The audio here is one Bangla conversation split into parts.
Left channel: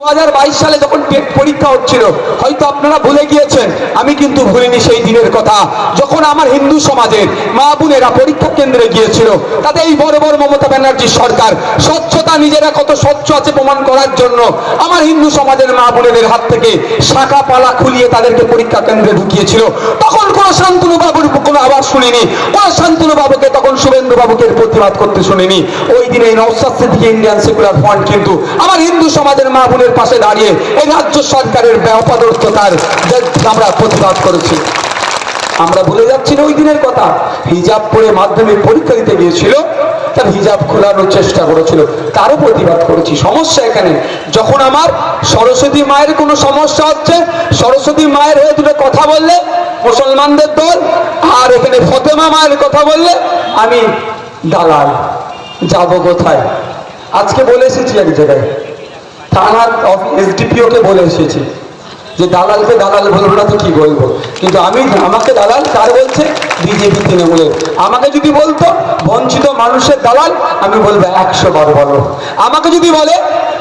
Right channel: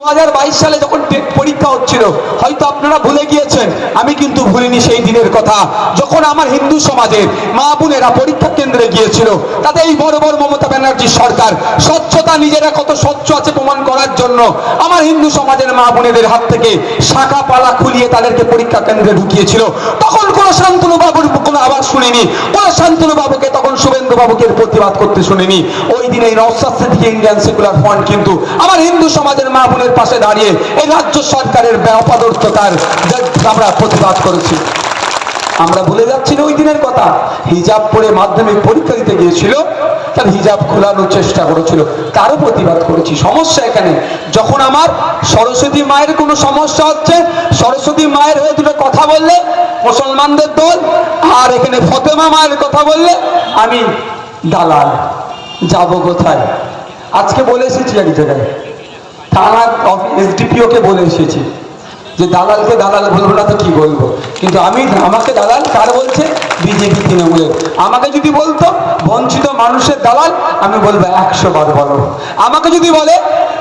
দু হাজার বাইশ সালে যখন টেট পরীক্ষা হচ্ছিল, হয়তো আপনারা ভুলে গিয়েছেন, আমি কিন্তু ভুলিনি সেই দিনের কথা। যখন আমার হিন্দু সমাজের মা বোনেরা পরীক্ষা কেন্দ্রে গিয়েছিল তাদের এই বড় বড় মমতা ব্যানার্জির সরকার স্বচ্ছতা নিজেরা কত স্বচ্ছ আছে প্রমাণ করার জন্য আমার হিন্দু সমাজের মা বোনেদের হাত থেকে শাখা পালা খুলিয়ে তাদেরকে পরীক্ষা কেন্দ্রে ঢুকিয়েছিল। তখন কোনো শান্তনু বাবুর কোনো আওয়াজ শুনিনি, কোনো শান্তনু বাবুকে, তখন শুভেন্দু বাবুকে প্রতিবাদ করতে শুনিনি। ওই দিনে এই সিদ্দিকী ইন্ডিয়ান সেকুলার ফ্রন্ট কিন্তু আমার হিন্দু সমাজের মা পাশে দাঁড়িয়ে এই রাজ্য সরকারের অপদর্থতার আমরা প্রতিবাদ করেছি। আমরা ভুলে যাচ্ছি না ওই দিনের কথা। হিজাব পরে মাধ্যমিক পরীক্ষা দিতে গিয়েছিল, তার হিজাব খোলানোর চেষ্টা করেছিল, তারও প্রতিবাদ করেছি। সমস্যা এখানে, যখন আমার সরস্বতী মায়ের কোনো সমস্যা হচ্ছে, সরস্বতী মায়ের হয়ে দুটো কথা বললে, মুসলমানদের দল, আর এখানে ফতেমা মায়ের কথা বললে, আমি দালাল, যাব কোথায়? আজকে বলে এসেছি এক জায়গায়। থানা এসডিপিও বলে এসেছি। যে দালালকে দালাল বলব না তো কি বলব? কিন্তু আমি, আমাকে দালাল তার বলছে? বিজেপি তৃণমূলের। আমাকে যদি বলতো, বঞ্চিত মানুষের দালাল, আমি বলব একশো বার বলো। আমাকে যদি বলে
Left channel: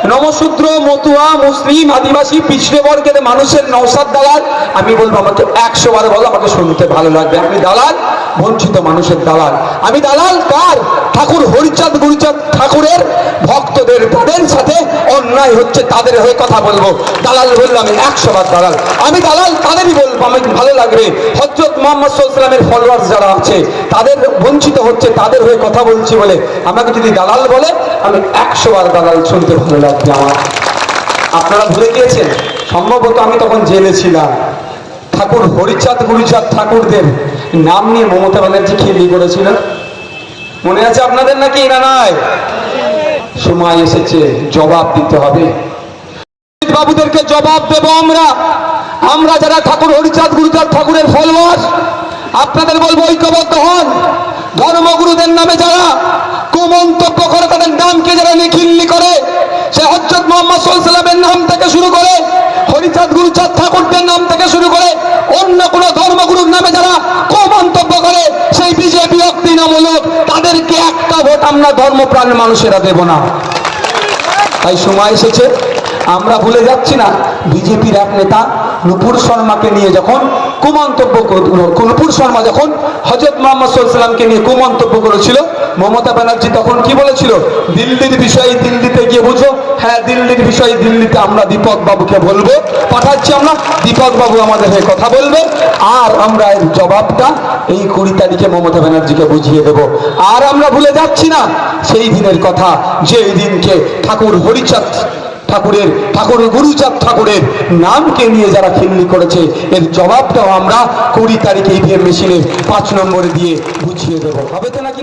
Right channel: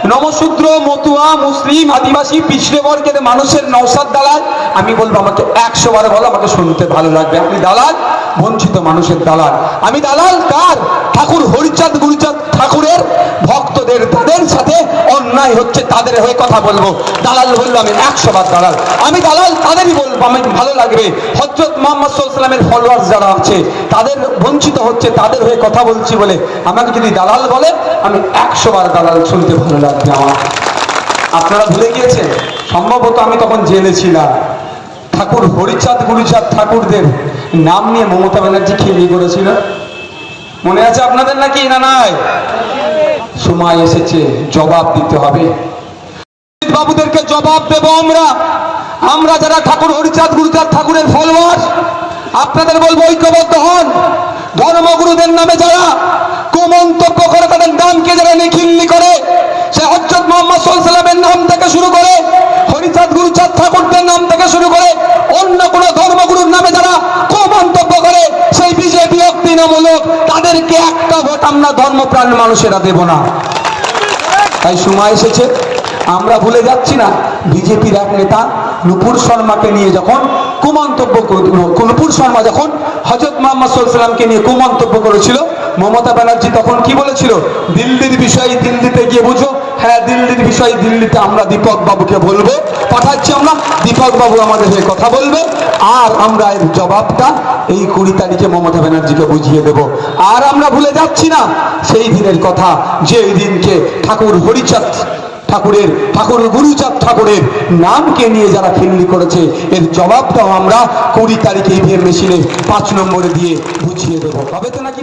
নমশূদ্র মতুয়া, মুসলিম, আদিবাসী, পিছড়ে বর্গের মানুষের নৌসাদ দালাল, আমি বলব আমাকে একশো বার বলো, আমাকে শুনতে ভালো লাগবে। আমি দালাল, বঞ্চিত মানুষের দালাল। আমি দালাল কার? ঠাকুর হরিচাঁদ, গুরুচাঁদ ঠাকুরের ভক্তদের তাদের সাথে অন্যায় হচ্ছে, তাদের হয়ে কথা বলব। দালাল বলব আমি, একশো বার দালাল। আমি দালাল, তাদেরই বলব, আমি ভালো লাগবে। হজরত মোহাম্মদ সাল্লামের ফলোয়ার্স যারা আছে, তাদের বঞ্চিত হচ্ছে, তাদের হয়ে কথা বলছি বলে আমাকে যদি দালাল বলে, আমি একশো বার দালাল শুনতে ভালো লাগবে আমার। আপনারা ভুলে গিয়েছেন? সম্ভবত আমি তখন জেলে ছিলাম। ঠাকুর হরিচাঁদ, গুরুচাঁদ ঠাকুরদের নাম নিয়ে মমতা ব্যানার্জি খেলি করেছিল মনে আছে আপনাদের নাকি, না নয় সময় এসেছে, জবাব দিতে হবে। বাবুদেরকে জবাব দেব আমরা। আমরা যারা ঠাকুর হরিচাঁদ, গুরুচাঁদ ঠাকুরের ফলোয়ার, আপনাদের বলব ঐক্যবদ্ধ হন। ধর্মগুরুদের নামে যারা কুমন্তব্য করে, তাদের নামকে যারা নিখিল্লি করে, সে হজরত মোহাম্মদ সাল্লামের নাম থেকে শুরু করে, হরিচাঁদ, গুরুচাঁদ ঠাকুরদের নাম থেকে শুরু করে, অন্য কোন ধর্মগুরুর নামে যারা কুমন্তব্য করে সেই বিজেপি তৃণমূলক তাদেরকে একটা ভোট আমরা ধর্মপ্রাণ মানুষেরা দেব না। তাই সময় এসেছে, আমরা ভুলে যাচ্ছি না, বিজেপির এক নেতা নুপুর শর্মাকে নিয়ে যখন কুমন্তব্য নুপুর শর্মা যখন হজরত মোহাম্মদ সাল্লামকে নিয়ে কুমন্তব্য করেছিল, মমতা ব্যানার্জি তখন কি বলেছিল? দিল্লির বিষয়ে দিল্লিতে গিয়ে বুঝো হ্যাঁ দিল্লির বিষয়ে দিল্লিতে আমরা দীপক বাবুকে বলব পাঠাচ্ছি আমরা দীপক বাবু আমাদের হয়ে কথা বলবে আর আমরা এর জবাবটা এই কুড়ি তারিখে মমতা ব্যানার্জিকে বুঝিয়ে দেব। আর আমরা ভুলে যাচ্ছি না, সেই দিনের কথা যে দিনকে ঠাকুর হরিচাঁদ ঠাকুরের, ঠাকুর গুরুচাঁদ ঠাকুরের নামকে নিয়ে যারা খিল্লি করেছে, এর জবাবটাও আমরা কুড়ি তারিখে ইভিএম মেশিনে পাঁচ নম্বরে দিয়ে বুঝিয়ে দেবো। হবে তো নাকি